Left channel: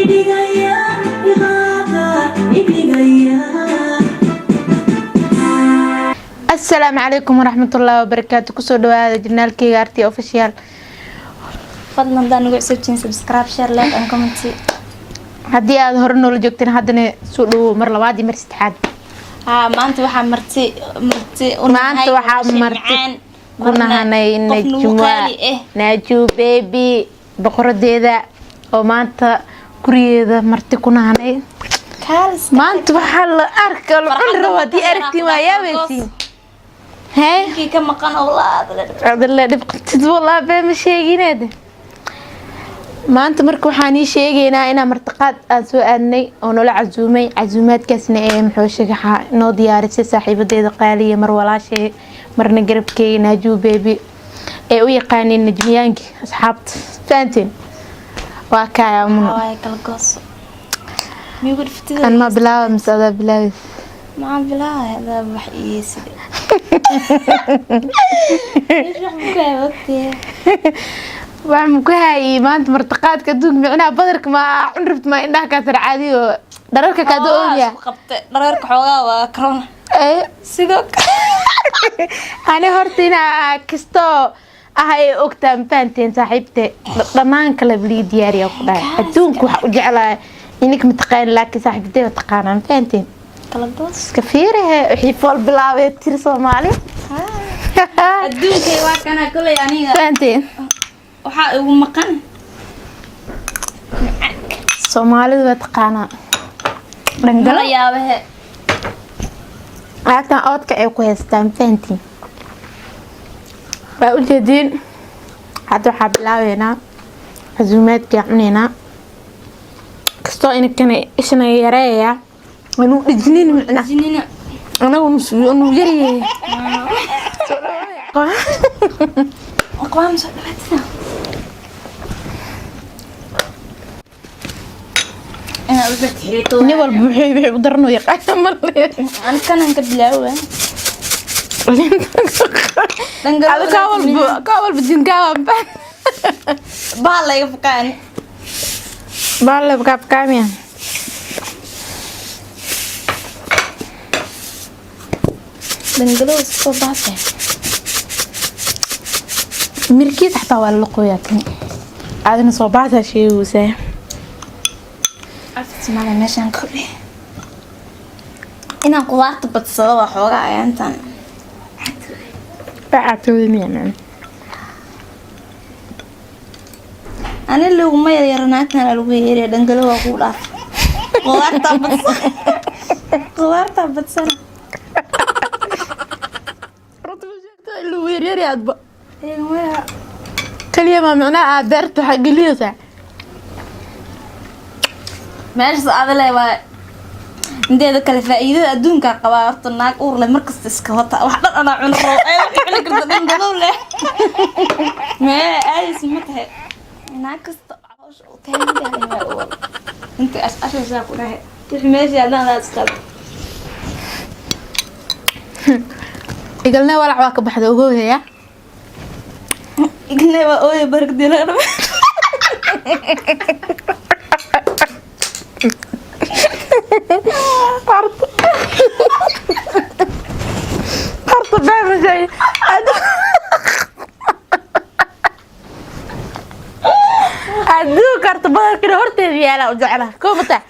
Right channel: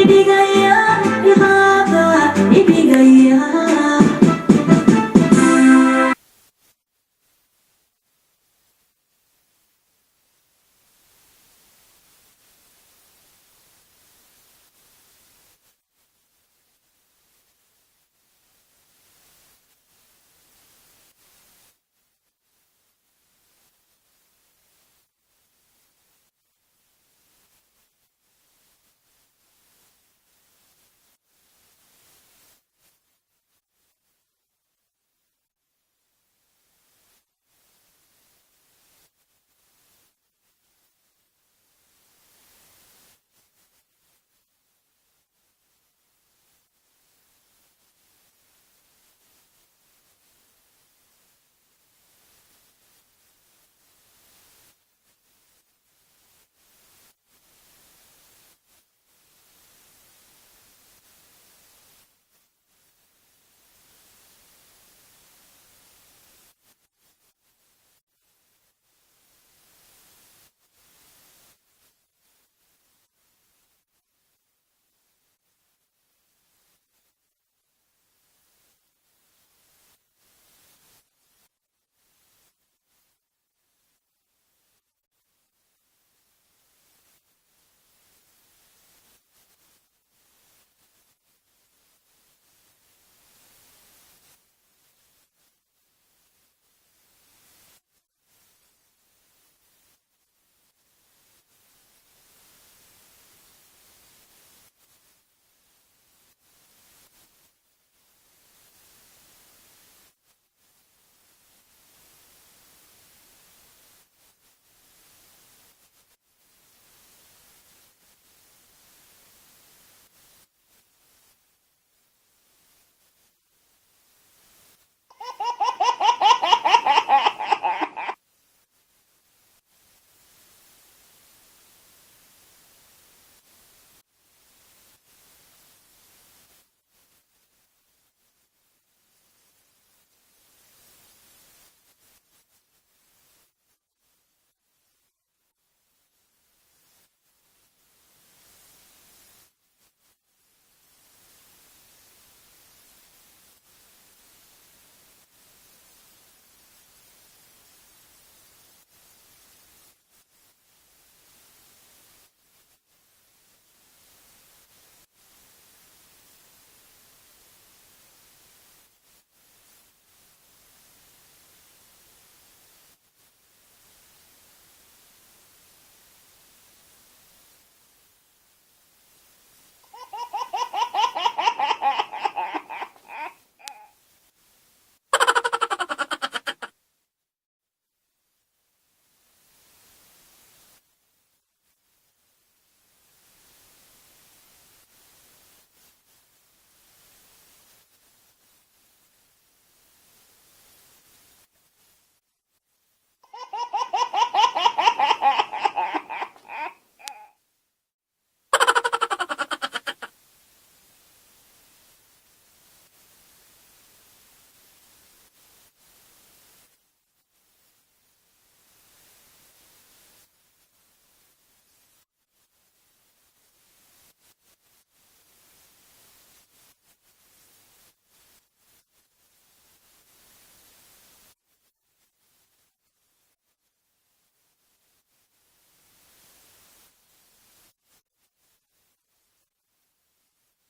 ibigaya iqaada ibigaya. السلام عليكم ورحمة الله وبركاته. كسر دواء جنال كي أرتي أوفيشال. fadlan hadaan ugu cusubtiin subscribe share like and comment. هدي هذا هرنو اللي جبتين هذا سودو مر لوادي مر استحاد. maanta waxaa marti maanta waxaa marti kuna hanay najwa naju baby boqoradeeda oo maanta gurigeeda marti kuna hanay maanta waxaa la arkaa la wadi aragti ma yaabeysin kii ka maqan la dhibqtid wallahi baa ma sheegineed maanta marka waxaan ii sheegaynaa inaan martiqaad aan soo aadnay oo nala casuumay casuumaadkaasna ee muxuu shagaxa noo diyaarisay saaxiibadeeda qaaliya mar walaashay marna garabkeega naaju baby ee u yaqaaneen najmiyaankii asxaabta faanteen waa kaya waay kala goos miyuu dhiftay kan ma bilaaw masada bilaaw ma bilaaw hada wax iisi waxaan ku hayay maanta martiqaadka duug micnaa badarka ma cunrabta ma indhaha ka tar caadi oo dhararka ka doonaya qabtay dhararka xoogaa waa corona sidoo ani hortina kisto ahay ogtaan faanteen saaxiibte dhamaan kala bili diyaariya ku dhaay adduunku waxa u jeclaa inik mataqaan laakiin saaxiibte taqaanaan faanteen kala goos ka fiirahay wixii fool bilaabay tir Soomaali adduunka waa kana kulay aniga faanteen waxa ugu maqan Soomaalidu waa taqaanaa dhangala yaabahe aadka oodka ay ku haystaan faantiin waa u jeedin hadda waxaa bilaabeynaa casuumaadka cuneyna kastoo inakana ishana yareeya inuu dhijinin micna jinina anagu nuu yaryahay aqwaan soo dhawaatay أنا أقولك حريتو. نبغى بحي بدرنو يقعد مرة. أنا كان عندك بلاوة. هذا كاول بدين كاول بالله يفكان. بالله بكاب كاميا. دنجلو صباحه. مركي تحت ولا قوياتني. هذا صباحه شيء وسه. اسمع meeshan kordhi inaan qudaarta badsado waa xoogaa ayaantan baatooyinayna ani luguma yaranaatan lagu yeeray dhangalo waa ku dhaaf qudaarta badsana rutubta lagu yeeray adba kaliya ma macnaa beerta xaqiliyada meesha adale waa indeeda kale faa'iidada adduunka qaba horta naag uur leh markasta iska wata wax dhan ana cuno ay xilli karta dhangalo leh ma ay simatahay naag kasta calosh u taagay inta asasha ku dhahay meesha adana asqad igalna walac waa ka baxda ogoohaya igalna waa ooy barkadina قرط باب زي ادو قرط باب كده هرتي يالا وجعلها كوبتا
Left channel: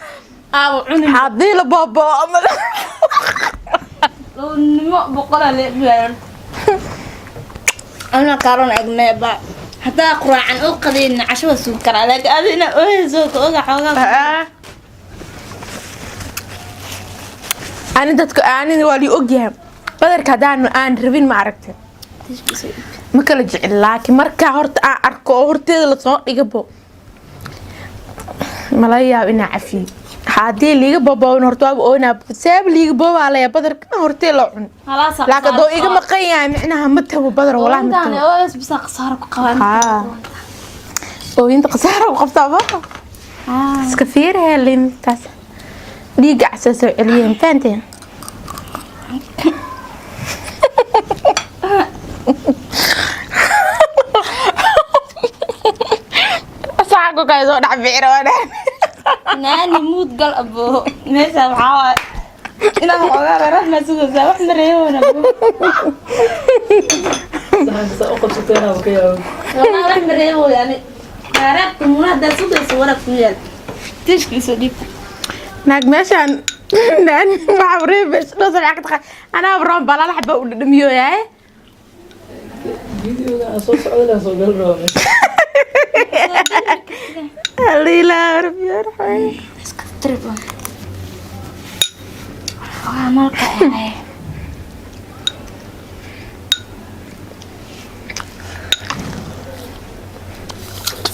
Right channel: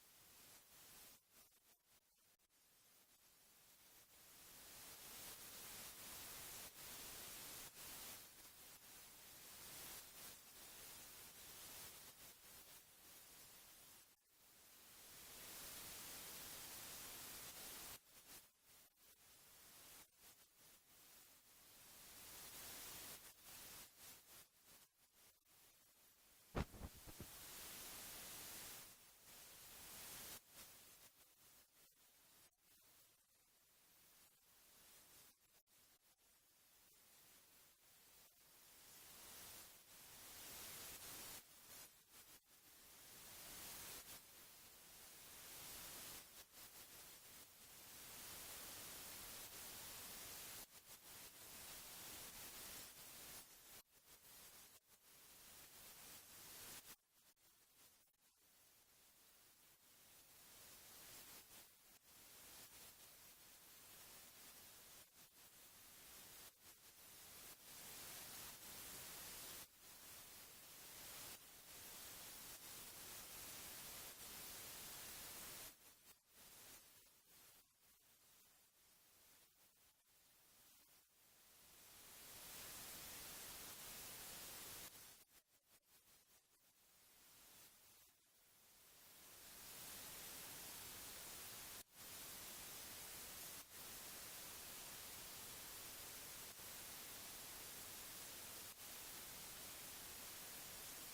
ابو عني حاضي له بابا نمو بقوله ليه انا كارون اجنبا حتى اقرا عن اقدين عشوه سكر عليك انا اوه زوق اوغا حوغا أنا دتك أنا والي أوجيها بدر كدان أنا ربين ما عرفته ما كل جعل لكن مركا هرت أركو هرت لصق يجبو ملايا بنا عفي حادي اللي يجبو بون هرتوا بونا ساب اللي يجبو على بدر هرت لعن خلاص لكن دو يجي مقيا معناها متهو بدر ولا متهو بس قصار قوام وين قصار وقفت بقى كثير هي اللي متاس ديق عساس عليهم فانتين أصعقوا كايزو نعبير وانا naani mood gal abo meesha waxaa ina xogaa reer ma sugo wax mareeyona Sa u qabsateen oo kaya wala wax mareeyo yani arabtu munada sugo wara ku yeel tishkiiso dib naag meeshaan naan waxa reebes dhasal xaqad ana abroon bala la xaba u dhimiyo yahay videoga soo socda soo gal roobe Lila rabbi yarxay iska tribo malka ay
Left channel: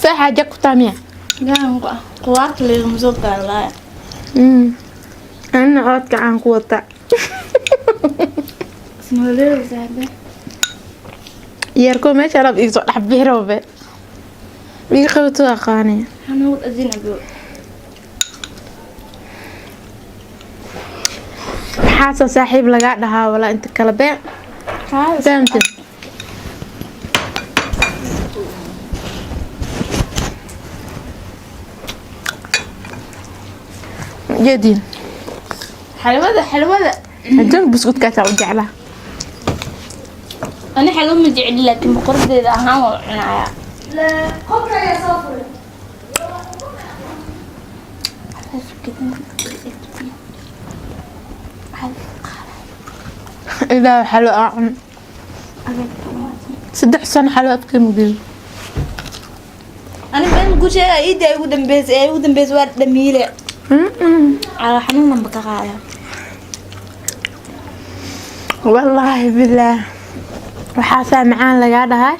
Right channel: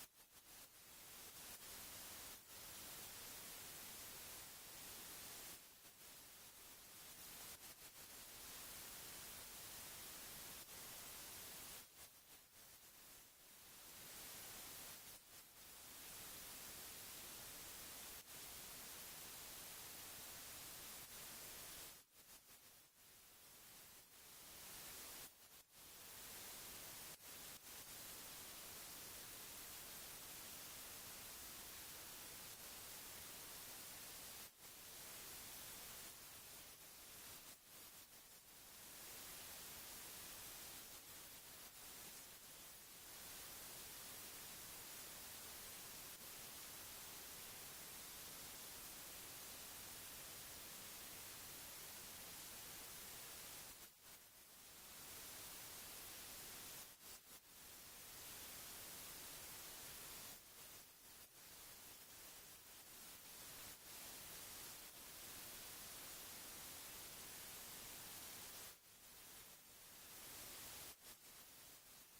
في حاجة كتامية gaan quwaat leeyo soo galay أنا أوتك عن قوة snooleo zaade يركو ما شرب يزو حبي روبه بيخوتو أخاني hanood adina abo حاسة صاحب لقى لها ولا أنت كلبين فهمت جدين حلوة الجنب بسكوت كاتا وجعلها أنا حلو ما جعل لكن بقرد إذا هم عنايا لا خبره يا صفر إذا حلو أعم صدق سنة حلو أبكي مدير أنا بين كل شيء إيدي أيودن بيز وارد دميلة على حنون من بقايا والله بالله وحاسة معان لقى هاي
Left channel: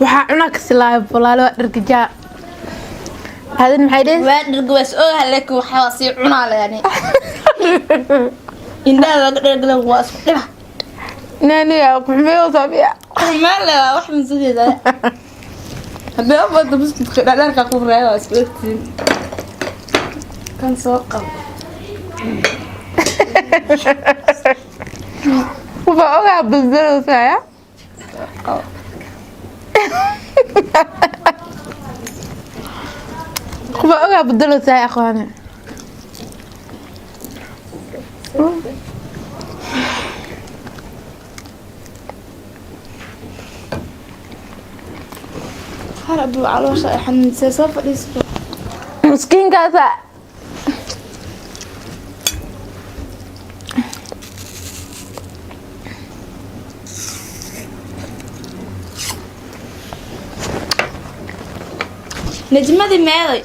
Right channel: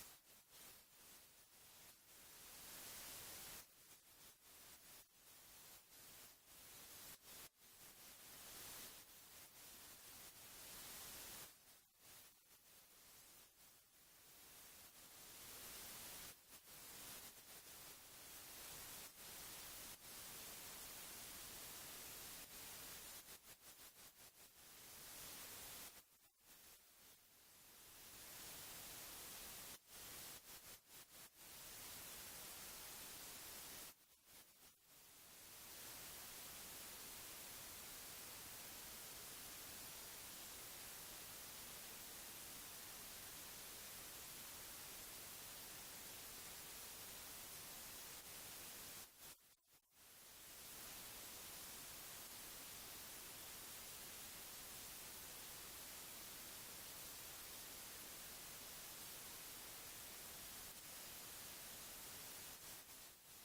وحاعنا كسلايب والله لو رجع هذا المحيدين وارد رجوس أوه لك وحواسي عنا يعني إن ده رجل واسق ناني يا محمي وصبيع ما لا واحد من زوجي ده هذا أبغى بس تخيل أنا كأقول رأي واسقتين كان سوق وفوقها بالزر ساعة وفوقها بالزر ساعة أخوانا هرب على وش حن سوف يسوق مسكين كذا نجمدي ماذا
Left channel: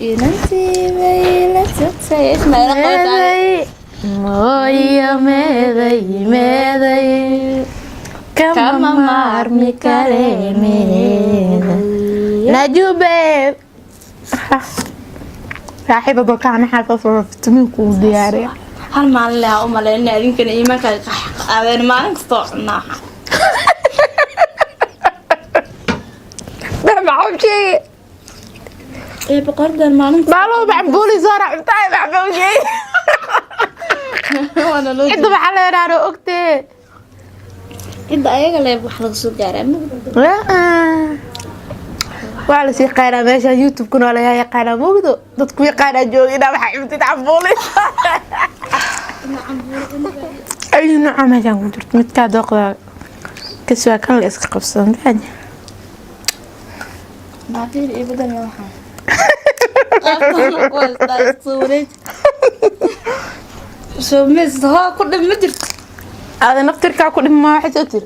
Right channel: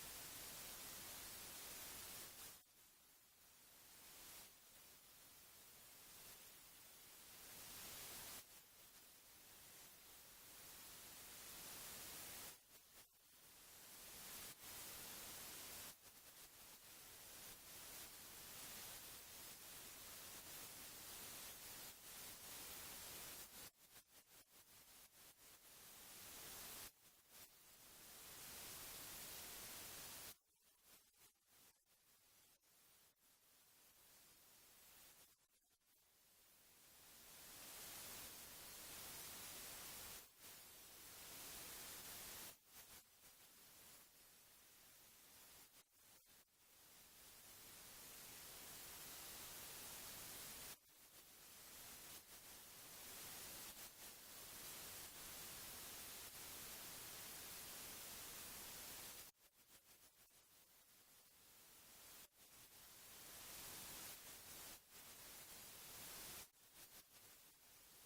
ينسي ويلا تسي اسمع لا قوت علي مويا ميدي ميدي كما مارمي كريمي نجوبي صاحبة بكان حافظ في تميكو دياري هل ما لا أم لا إن يمكن إيمانك هذا ما نقطعنا ده معهم شيء إيه بقدر ما نقطع مالو بعبولي زارع بتاعي معهم شيء وأنا لو انتو بحالي رارو اكتي إذا أيها اللي بحلق سكر لا waa la sii qaynaa meesha youtube kuna la yaqaana moogdo dadku yaqaana joogina waxa imtid cambuuli ay nooca meeshan ku jirto mid ka doqda kasoo kan la iska qabsan baan بعدين إيه بدل ما حن قافنا صوري شو مس ها كل مدر هذا نفطرka ku dhima waxa soo tir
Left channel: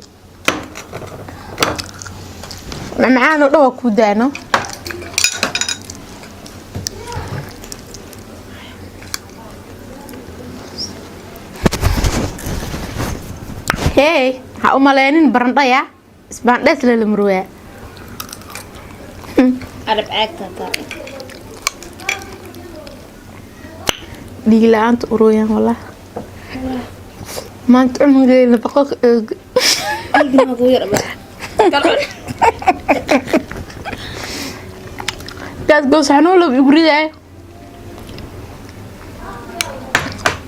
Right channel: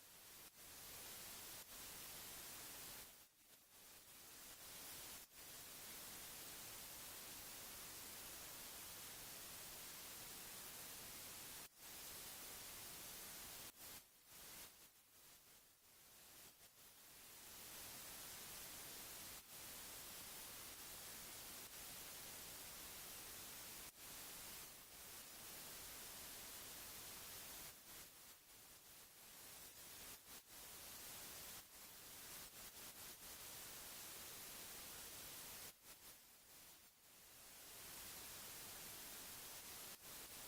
معانا دو ku daano hey ha u maleenin barandhaya isbaandhees la lamruwa عرب عاكتا دي لا انت قرويا والله ما انت عمري نبقى قلبي ما غير بقى كاس جوز حنولو بيقولي ده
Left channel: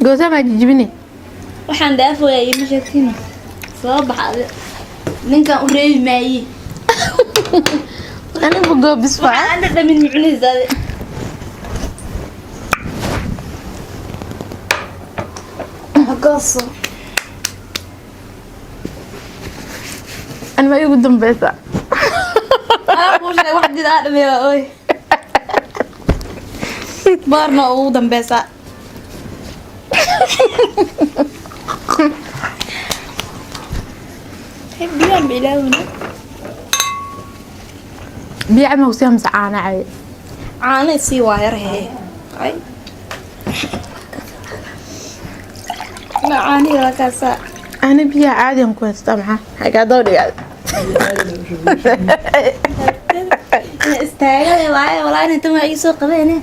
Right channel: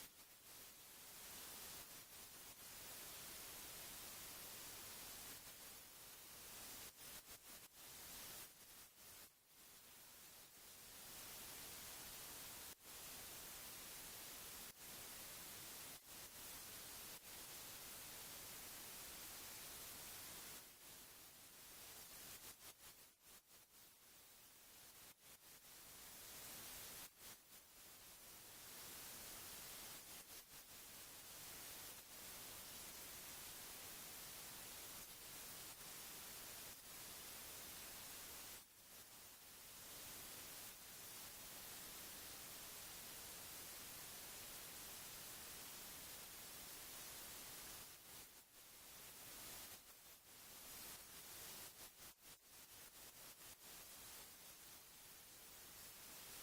جوزها ما تجيبني waxaan dhaafay ma sheegtini soo baxay ninkan u reebi maayay انا بقى بسفع waxaan dhamin mucnisaade gooso أنا ما يقدم بيسا أنا أقول لك واحد جديد آدم يا أوي بارنا أودم بيسا بيان بيلاونا بيعمل وسام سعانة عادي عاني سي واير هي أي لا عاني ولا كاسة أنا بيا عادي أنكون استمعها حاجة دوري عادي استاجل واي والله أنت ما يسوق بيني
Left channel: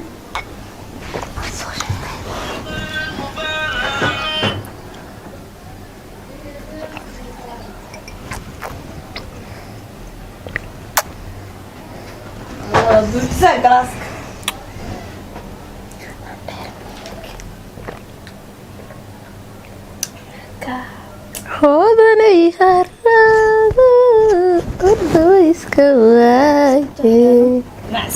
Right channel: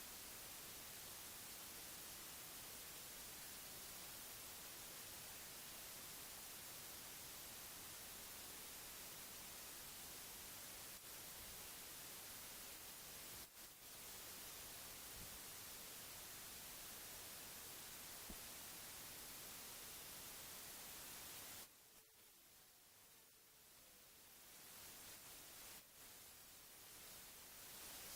dursa glass هودني خرابة أرض ويسكواجي nice